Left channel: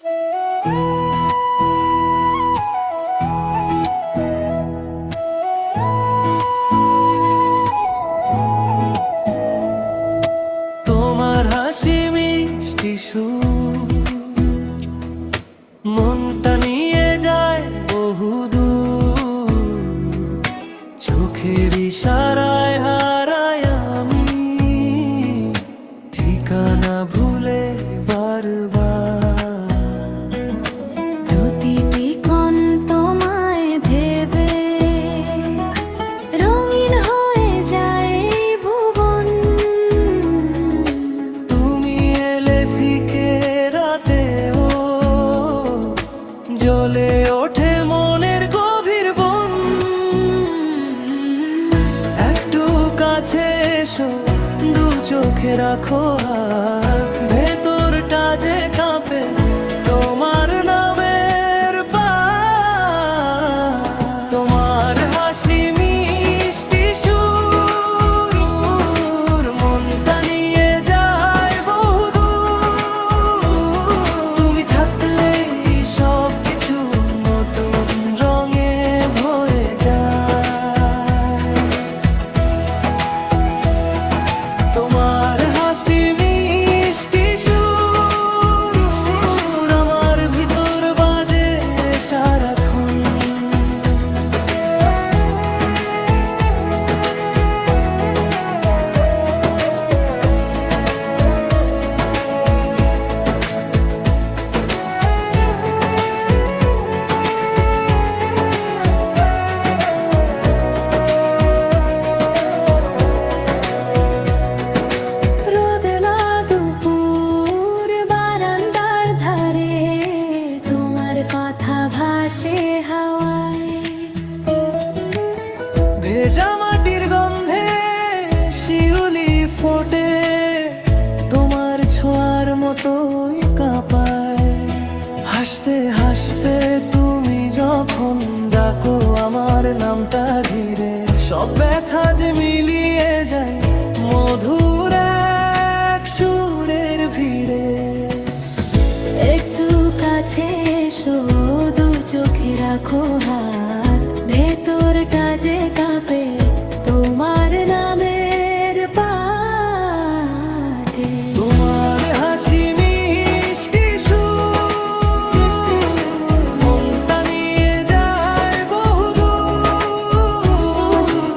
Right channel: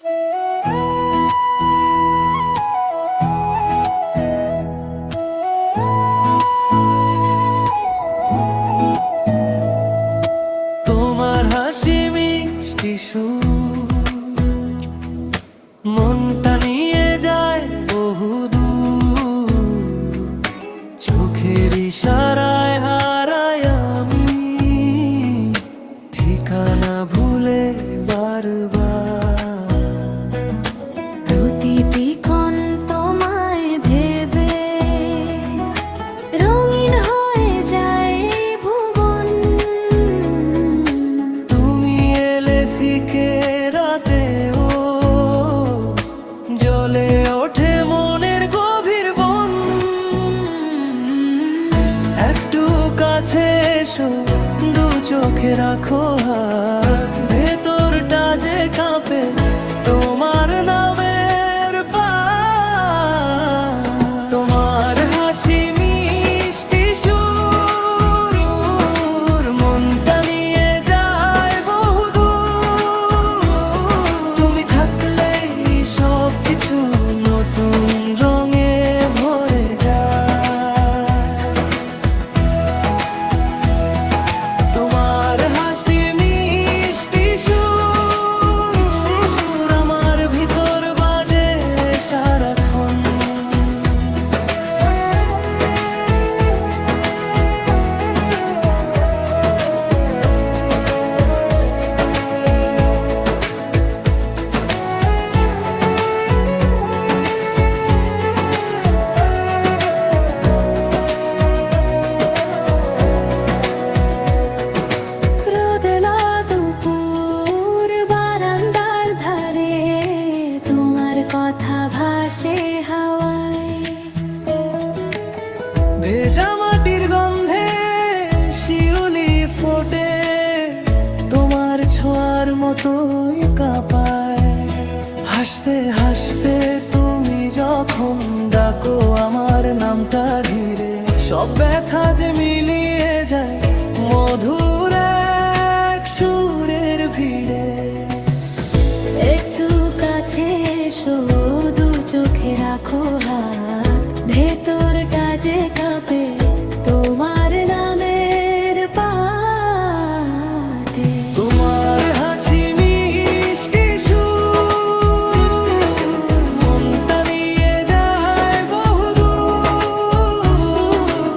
তোমার হাসি মিষ্টি সুর মনটা নিয়ে যায় বহুদূর, চোখের ইশারায় হারাই আমি ঠিকানা ভুলে বারবার। প্রতিটি ক্ষণ তোমায় ভেবে রঙিন হয়ে যায় ভুবন। তুমি এলে ফিকে রাতেও জ্বলে ওঠে মনের গভীর বন। একটু কাছে এসো, দু চোখে রাখো হাত, ভেতরটা যে কাঁপে তোমার নামের পার। তোমার হাসি মিষ্টি সুর মনটা নিয়ে যায় বহুদূর। তুমি থাকলেই সব কিছু নতুন রঙে ভরে যায়। তোমার হাসি মিষ্টি সুর আমার ভিতর বাজে সারাক্ষণ। রোদেলা দুপুর বারান্দার ধারে তোমার কথা ভাসে হাওয়ায়। ভেজা মাটির গন্ধে শিউলি ফোটে, তোমার ছোঁয়ার মতোই কাঁপায়। হাসতে হাসতে তুমি যখন ডাকো আমার নামটা ধীরে, সব ব্যথা যে মিলিয়ে যায় মধুর এক সুরের ভিড়ে। একটু কাছে এসো, দু চোখে রাখো হাত, ভেতরটা যে কাঁপে তোমার নামের পাতে। তোমার হাসি মিষ্টি সুর মনটা নিয়ে যায় বহুদূর।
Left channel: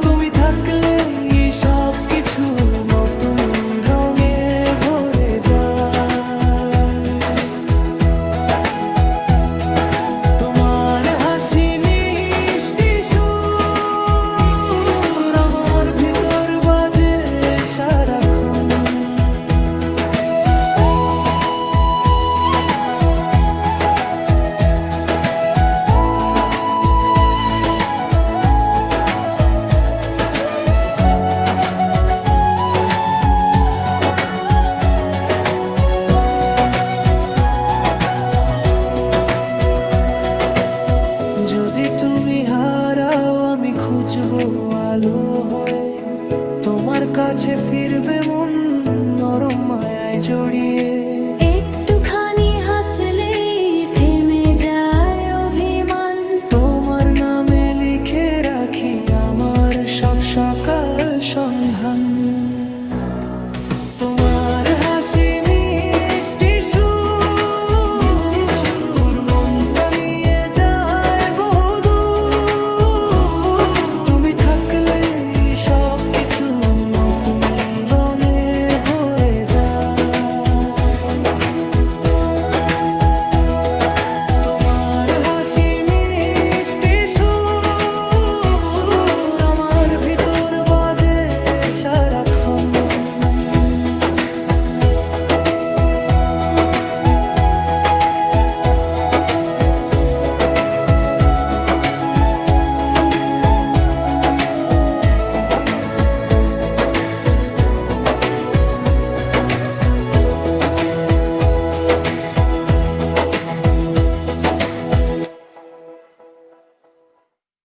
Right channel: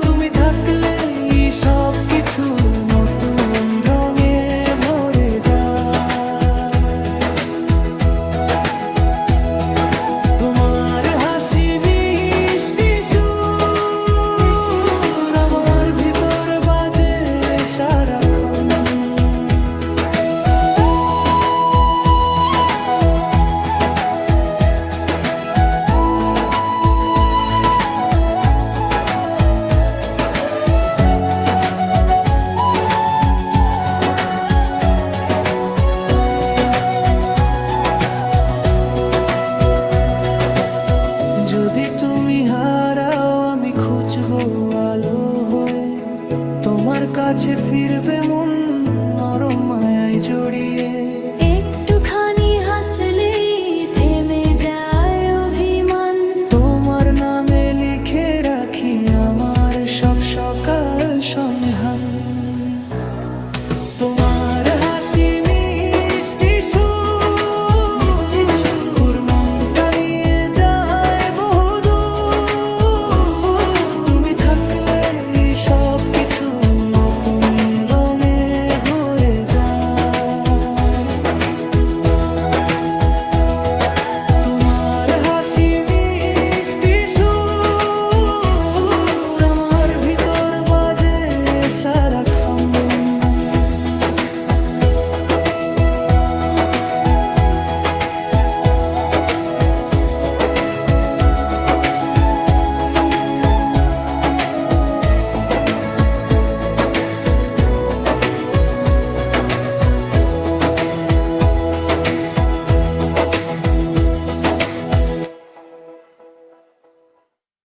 তুমি থাকলেই সব কিছু নতুন রঙে ভরে যায়। তোমার হাসি মিষ্টি সুর আমার ভিতর বাজে সারাক্ষণ। যদি তুমি হারাও আমি খুঁজবো আলো হয়ে, তোমার কাছে ফিরবে মন নরম মায়ায় জড়িয়ে। একটুখানি হাসলেই থেমে যায় অভিমান, তোমার নামে লিখে রাখি আমার সব সকাল সন্ধান।